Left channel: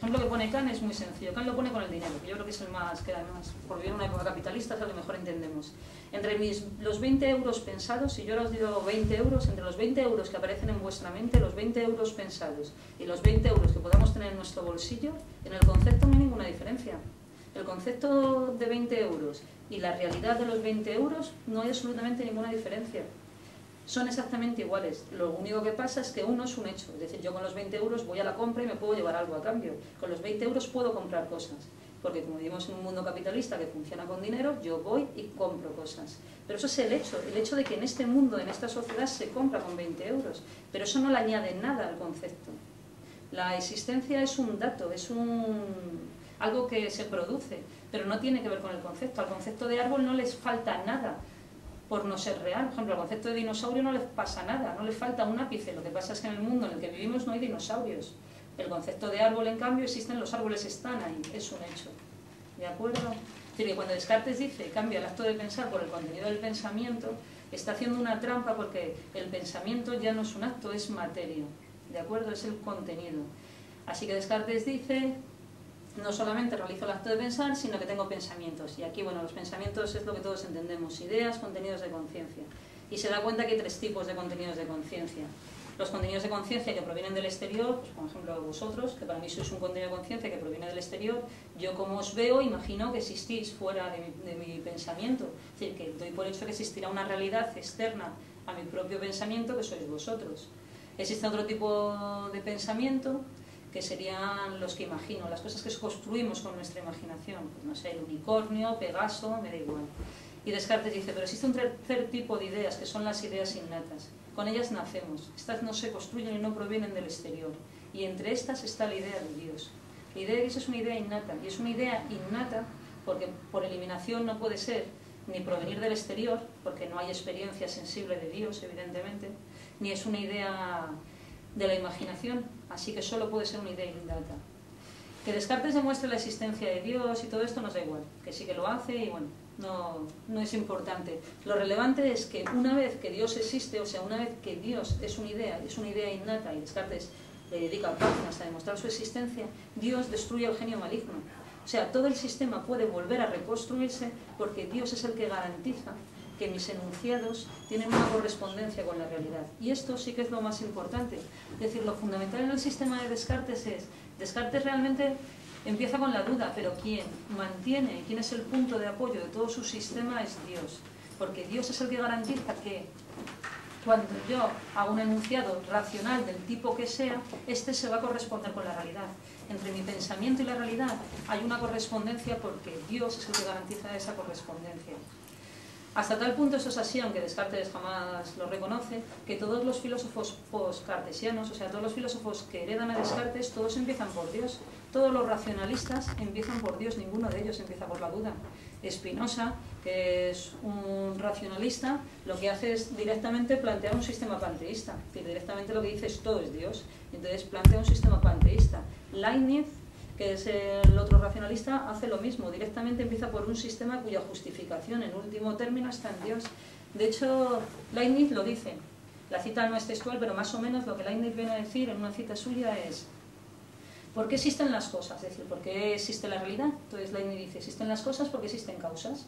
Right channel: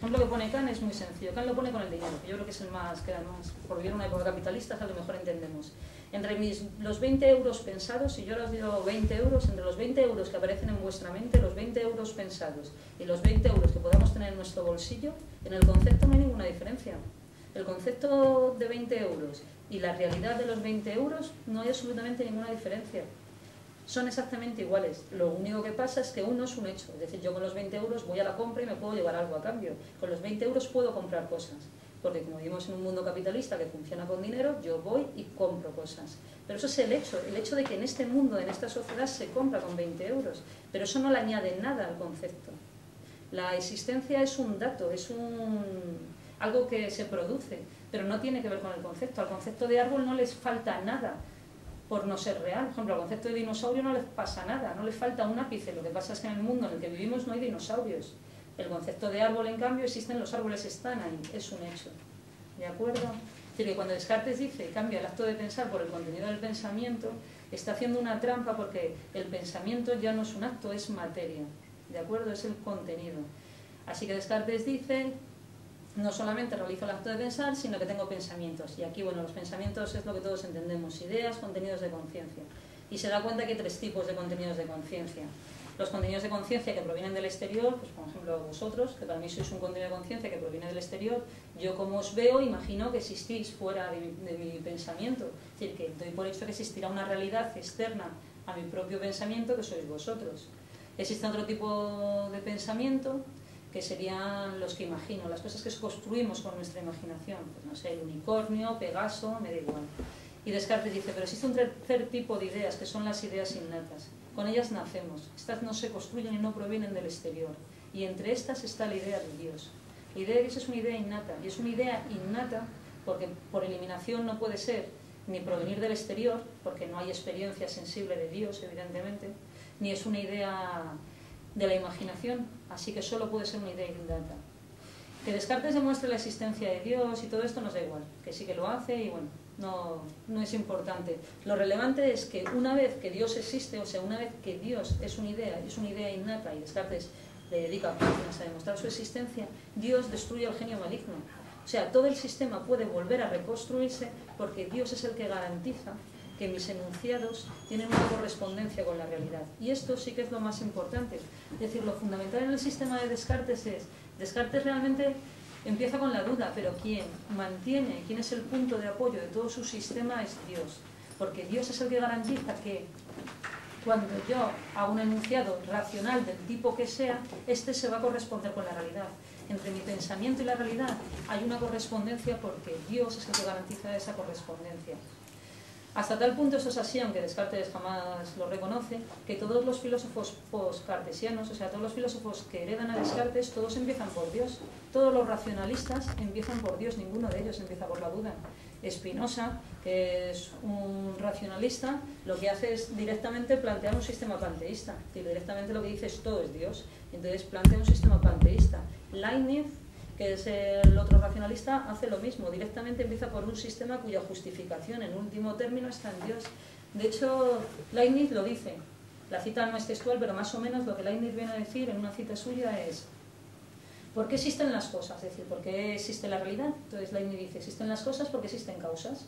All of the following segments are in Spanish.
El ejemplo que pone Kant es muy sencillo. Kant lo pone con el dinero, que yo creo que es el más, que además, por vivir en una época capitalista, es el que mejor entendemos. Entre los 20 euros pensados, si yo os digo 20 euros, entre los 20 euros que aparecen en vuestra mente, los 20 euros pensados y los 20 euros que podamos tener en nuestro bolsillo, en el concepto no hay ninguna diferencia. El concepto de 20 euros y la realidad de los 20 euros no hay absolutamente ninguna diferencia. Son exactamente iguales. Lo único que pasa es que uno es un hecho. Es decir, yo con los 20 euros voy a la compra y me puedo llevar algo a cambio. Con los 20 euros puedo comprar cosas. Porque como vivimos en un mundo capitalista que funciona con dinero, yo voy y compro cosas. Pero eso es el hecho de que en este mundo, en esta sociedad, se compra con 20 euros. Pero eso no le añade nada al concepto. La existencia es un dato, es algo que se produce, pero no tiene que ver con el concepto. Al concepto de árbol no les falta nada por no ser real. Por ejemplo, al concepto de dinosaurio no les pasa nada, no les falta un ápice. Lo que pasa es que en el mundo en el que vivimos no hay dinosaurios. El concepto de árbol, en cambio, existen, los árboles están ahí, es un hecho. ¿De acuerdo? Es decir, que cuando Descartes dice cambia el acto de pensar por el contenido del pensamiento, está haciendo una trampa porque el pensamiento ya no es un acto, es materia. ¿De acuerdo? Es el contenido. Así que Descartes dice, no solamente realizo el acto de pensar, sino que tengo pensamientos. Y aquí, bueno, los pensamientos es lo que todos entendemos, ideas, contenidos de conciencia. Y se da cuenta que hay tres tipos de contenidos de conciencia. Los contenidos de conciencia que provienen del exterior, pues por ejemplo vosotros, que para mí sois un contenido de conciencia que proviene del exterior, yo como os veo imagino que existís fuera de mi pensamiento. Es decir, que doy por hecho que existirá una realidad externa a mi propio pensamiento que sois vosotros. Existe otro tipo de pensamiento que serían los que imagino, las cosas que construimos con nuestra imaginación, pues no sé, el unicornio, Pegaso, me da igual. Y Descartes dice, pero existe un tercer tipo de ideas, que son las ideas innatas. Con ellas nacemos, estas no se construyen y no provienen del exterior. Y entre estas está la idea de Dios. La idea de Dios es una idea innata, y es una idea innata porque por eliminación no puede ser ni provenir del exterior, porque no hay experiencia sensible de Dios, evidentemente, ni es una idea de la imaginación, así que solo puede ser una idea innata. Que Descartes demuestre la existencia de Dios y todo esto nos da igual, que sí que lo hace y bueno, no es importante. Lo relevante es que una vez que Dios existe, o sea, una vez que Dios es una idea innata y Descartes le dedica páginas a demostrar su existencia, Dios destruye al genio maligno. O sea, todo el sistema puede volver a reconstruirse porque Dios es el que garantiza que mis enunciados tienen una correspondencia con la realidad. Y esto sí que es lo más importante. Es decir, lo fundamental en el sistema de Descartes es, Descartes realmente empieza con la duda, pero quien mantiene, quién es el punto de apoyo de todo su sistema es Dios. Porque Dios es el que garantiza que cuando yo hago un enunciado racional del tipo que sea, este se va a corresponder con la realidad. Entre mi pensamiento y la realidad hay una correspondencia porque Dios es el que garantiza esa correspondencia. Hasta tal punto eso es así, aunque Descartes jamás lo reconoce, que todos los filósofos post-cartesianos, o sea, todos los filósofos que heredan a Descartes, todos empiezan por Dios. Todos los racionalistas empiezan por Dios, ninguno de ellos empieza por la duda. Spinoza, que es un racionalista, lo que hace es directamente plantear un sistema panteísta. Es decir, directamente lo que dice es todo es Dios. Entonces plantea un sistema panteísta. Leibniz, que es el otro racionalista, hace lo mismo. Directamente empieza por un sistema cuya justificación, en último término, está en Dios. De hecho, Leibniz lo dice. La cita no es textual, pero más o menos lo que Leibniz viene a decir en una cita suya es ¿por qué existen las cosas? Es decir, ¿por qué existe la realidad? Entonces Leibniz dice, existen las cosas porque existen causas.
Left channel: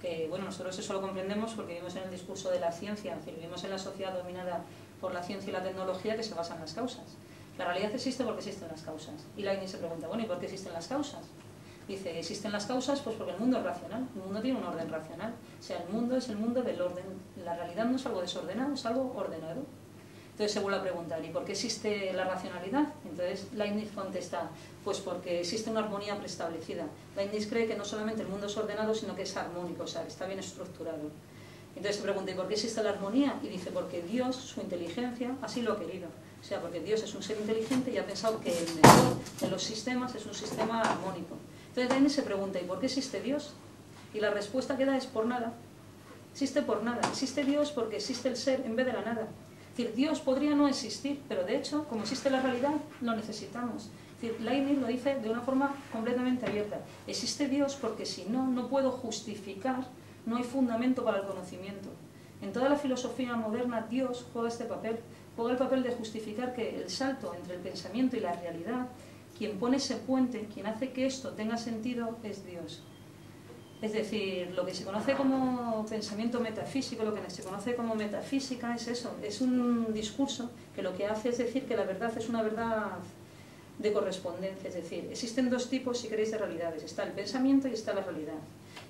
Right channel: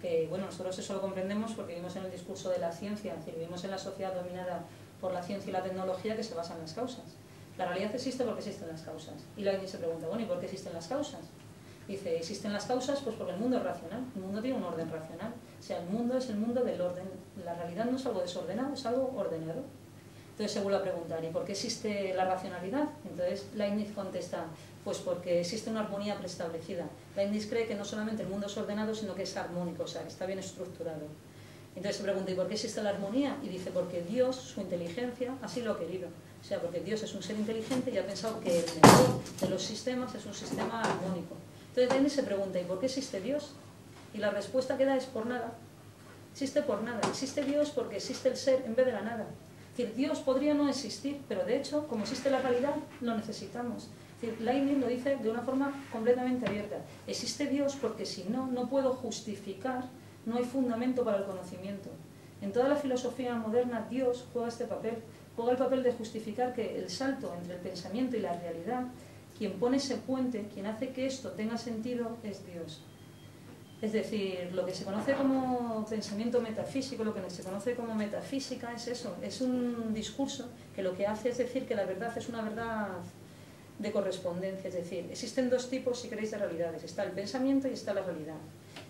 Que, bueno, nosotros eso lo comprendemos porque vivimos en el discurso de la ciencia, es decir, vivimos en la sociedad dominada por la ciencia y la tecnología que se basa en las causas. La realidad existe porque existen las causas. Y Leibniz se pregunta, bueno, ¿y por qué existen las causas? Dice, existen las causas pues porque el mundo es racional, el mundo tiene un orden racional. O sea, el mundo es el mundo del orden. La realidad no es algo desordenado, es algo ordenado. Entonces se vuelve a preguntar, ¿y por qué existe la racionalidad? Entonces Leibniz contesta, pues porque existe una armonía preestablecida. Leibniz cree que no solamente el mundo es ordenado, sino que es armónico, o sea, que está bien estructurado. Entonces se pregunta, ¿y por qué existe la armonía? Y dice, porque Dios, su inteligencia, así lo ha querido. O sea, porque Dios es un ser inteligente y ha pensado que el mejor de los sistemas es un sistema armónico. Entonces Leibniz se pregunta, ¿y por qué existe Dios? Y la respuesta que da es por nada. Existe por nada. Existe Dios porque existe el ser en vez de la nada. Es decir, Dios podría no existir, pero de hecho, como existe la realidad, lo necesitamos. Es decir, Leibniz lo dice de una forma completamente abierta. Existe Dios porque si no, no puedo justificar, no hay fundamento para el conocimiento. En toda la filosofía moderna, Dios juega este papel. Juega el papel de justificar que el salto entre el pensamiento y la realidad quien pone ese puente, quien hace que esto tenga sentido, es Dios. Es decir, lo que se conoce como pensamiento metafísico, lo que se conoce como metafísica es eso, es un discurso que lo que hace es decir que la verdad es una verdad de correspondencia, es decir, existen dos tipos, si queréis, de realidades, está el pensamiento y está la realidad.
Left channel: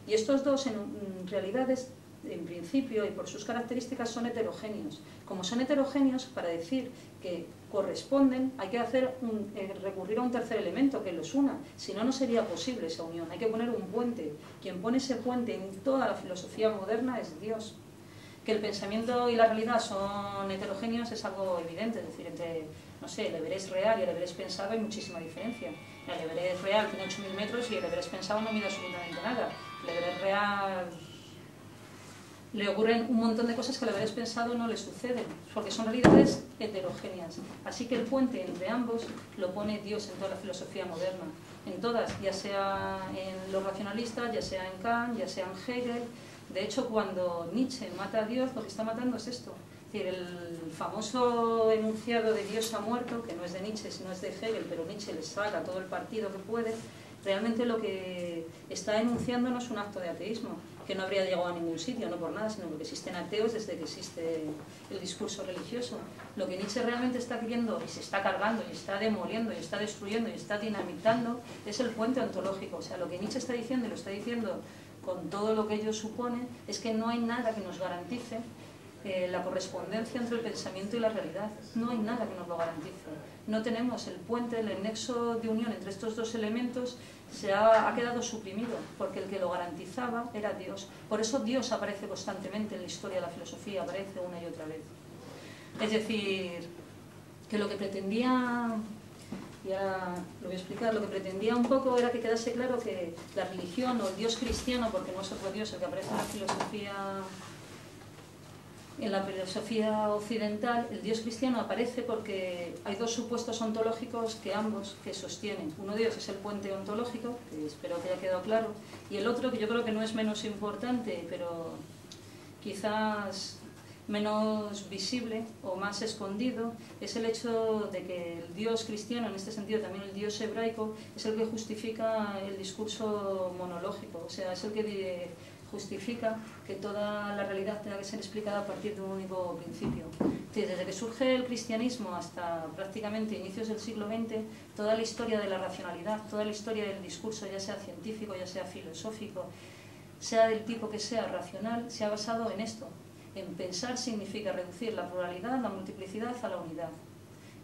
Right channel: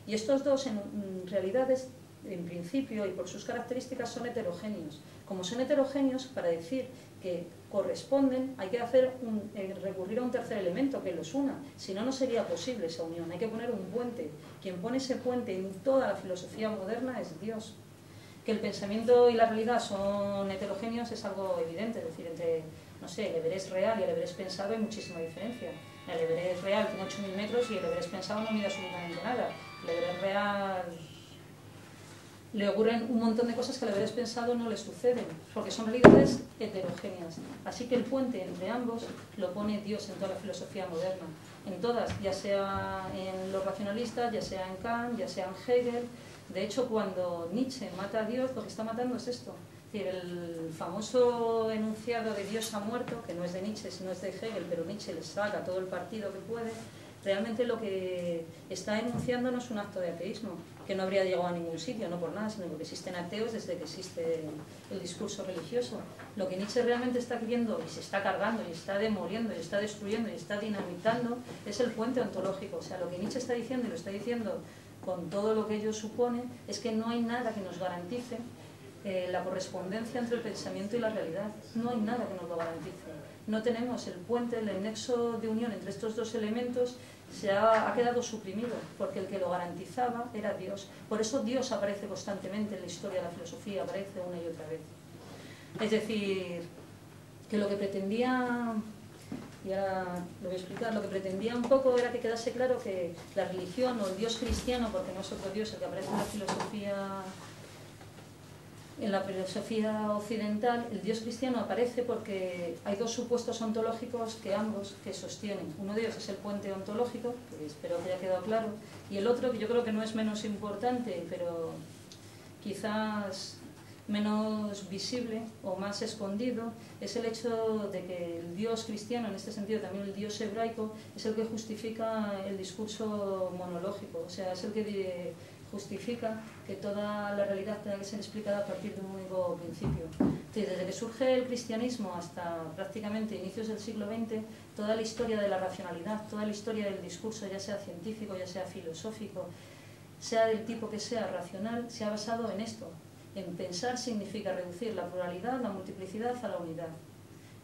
Y estos dos en realidades, en principio y por sus características, son heterogéneos. Como son heterogéneos, para decir que corresponden hay que recurrir a un tercer elemento que los una, si no, no sería posible esa unión, hay que poner un puente. Quien pone ese puente en toda la filosofía moderna es Dios. Que el pensamiento y la realidad son heterogéneos es algo evidente, es decir, entre, no sé, el Everest real y el Everest pensado hay muchísima diferencia. El Everest real tiene 8.000 metros y el Everest pensado no mide absolutamente nada. El Everest real le ocurren un montón de cosas que al Everest pensado no le suceden, porque son realidades heterogéneas. Así que el puente entre ambos lo pone Dios en toda la filosofía moderna, en todas, ya sea en los racionalistas, ya sea en Kant, ya sea en Hegel. De hecho, cuando Nietzsche mata a Dios, lo que está matando es esto. Es decir, el famoso enunciado de Dios ha muerto, que no es de Nietzsche, sino es de Hegel, pero Nietzsche le saca todo el partido que puede, realmente lo que está enunciando no es un acto de ateísmo, que no habría llegado a ningún sitio, no por nada, sino porque existen ateos desde que existe el discurso religioso. Lo que Nietzsche realmente está queriendo, y se está cargando, y está demoliendo, y está destruyendo, y está dinamitando, es el puente ontológico. O sea, lo que Nietzsche está diciendo, y lo está diciendo con todo lo que ello supone, es que no hay nada que nos garantice la correspondencia entre el pensamiento y la realidad. No hay nada que nos lo garantice. No tenemos el puente, el nexo de unión entre estos dos elementos ha quedado suprimido, porque el que lo garantizaba era Dios. Por eso Dios aparece constantemente en la historia de la filosofía, aparece una y otra vez. Es decir, que lo que pretendía, y ahora lo voy a explicar, lo que pretendía un poco era que quedase claro que la religión o el Dios cristiano, porque no es otro Dios el que aparece en la filosofía occidental, el Dios cristiano aparece porque hay dos supuestos ontológicos que ambos sostienen. Uno de ellos es el puente ontológico, que espero que haya quedado claro, y el otro, que yo creo que no es menos importante, pero quizás menos visible o más escondido, es el hecho de que el Dios cristiano, en este sentido también el Dios hebraico, es el que justifica el discurso monológico, o sea, es el que justifica que toda la realidad tenga que ser explicada a partir de un único principio. Entonces, desde que surge el cristianismo hasta prácticamente inicios del siglo XX, toda la historia de la racionalidad, toda la historia del discurso, ya sea científico, ya sea filosófico, sea del tipo que sea racional, se ha basado en esto. En pensar significa reducir la pluralidad, la multiplicidad a la unidad.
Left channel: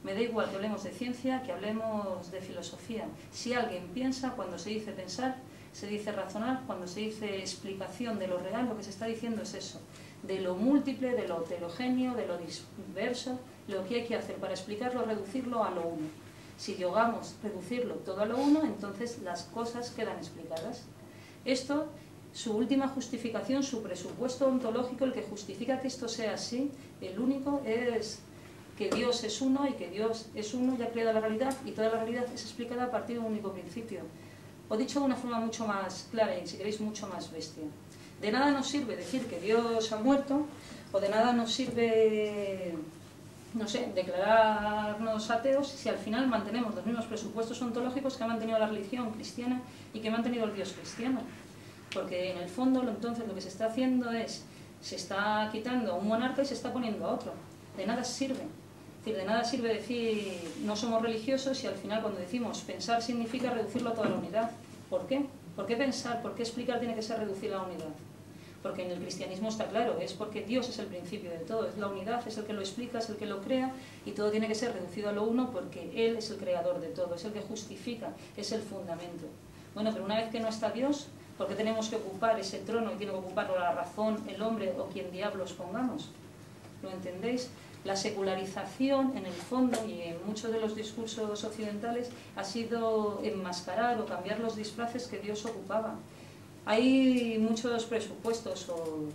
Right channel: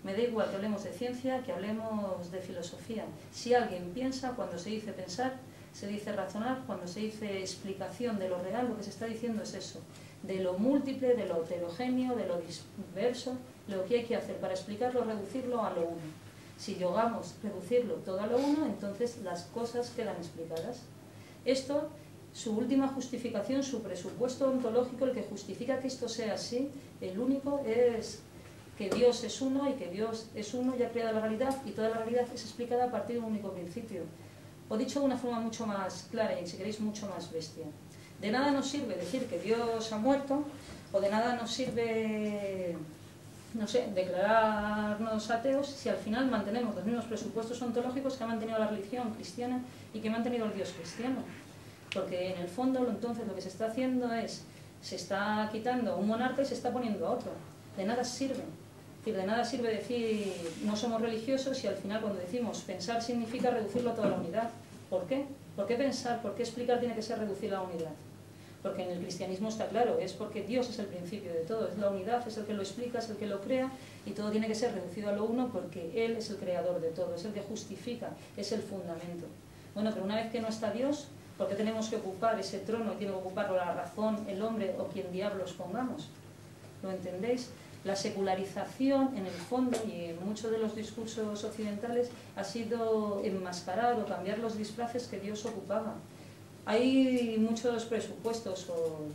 Me da igual que hablemos de ciencia, que hablemos de filosofía. Si alguien piensa, cuando se dice pensar, se dice razonar, cuando se dice explicación de lo real, lo que se está diciendo es eso, de lo múltiple, de lo heterogéneo, de lo diverso, lo que hay que hacer para explicarlo, reducirlo a lo uno. Si llegamos a reducirlo todo a lo uno, entonces las cosas quedan explicadas. Esto, su última justificación, su presupuesto ontológico, el que justifica que esto sea así, el único es que Dios es uno y que Dios es uno y ha creado la realidad, y toda la realidad es explicada a partir de un único principio. O dicho de una forma mucho más clara y, si queréis, mucho más bestia. De nada nos sirve decir que Dios ha muerto, o de nada nos sirve, no sé, declararnos ateos, si al final mantenemos los mismos presupuestos ontológicos que ha mantenido la religión cristiana y que ha mantenido el Dios cristiano. Porque en el fondo, entonces, lo que se está haciendo es, se está quitando a un monarca y se está poniendo a otro. De nada sirve. Es decir, de nada sirve decir no somos religiosos y al final cuando decimos pensar significa reducirlo a toda la unidad. ¿Por qué? ¿Por qué pensar? ¿Por qué explicar tiene que ser reducir la unidad? Porque en el cristianismo está claro, es porque Dios es el principio de todo, es la unidad, es el que lo explica, es el que lo crea, y todo tiene que ser reducido a lo uno porque Él es el creador de todo, es el que justifica, es el fundamento. Bueno, pero una vez que no está Dios, ¿por qué tenemos que ocupar ese trono y tiene que ocuparlo la razón, el hombre o quien diablos pongamos? ¿Lo entendéis? La secularización, en el fondo, y en muchos de los discursos occidentales, ha sido enmascarar o cambiar los disfraces que Dios ocupaba. Hay muchos presupuestos o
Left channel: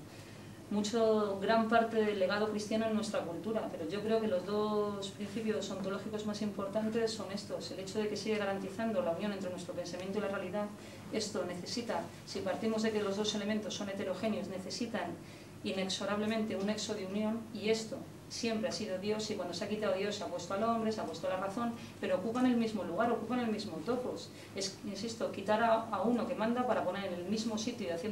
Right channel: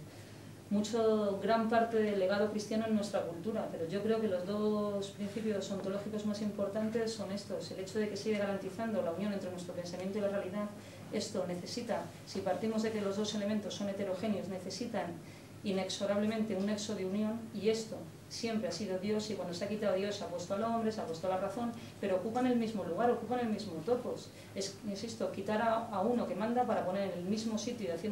gran parte del legado cristiano en nuestra cultura, pero yo creo que los dos principios ontológicos más importantes son estos. El hecho de que sigue garantizando la unión entre nuestro pensamiento y la realidad. Esto necesita, si partimos de que los dos elementos son heterogéneos, necesitan inexorablemente un nexo de unión, y esto siempre ha sido Dios, y cuando se ha quitado Dios se ha puesto al hombre, se ha puesto la razón, pero ocupan el mismo lugar, ocupan el mismo topos. Insisto, quitar a uno que manda para poner en el mismo sitio y haciendo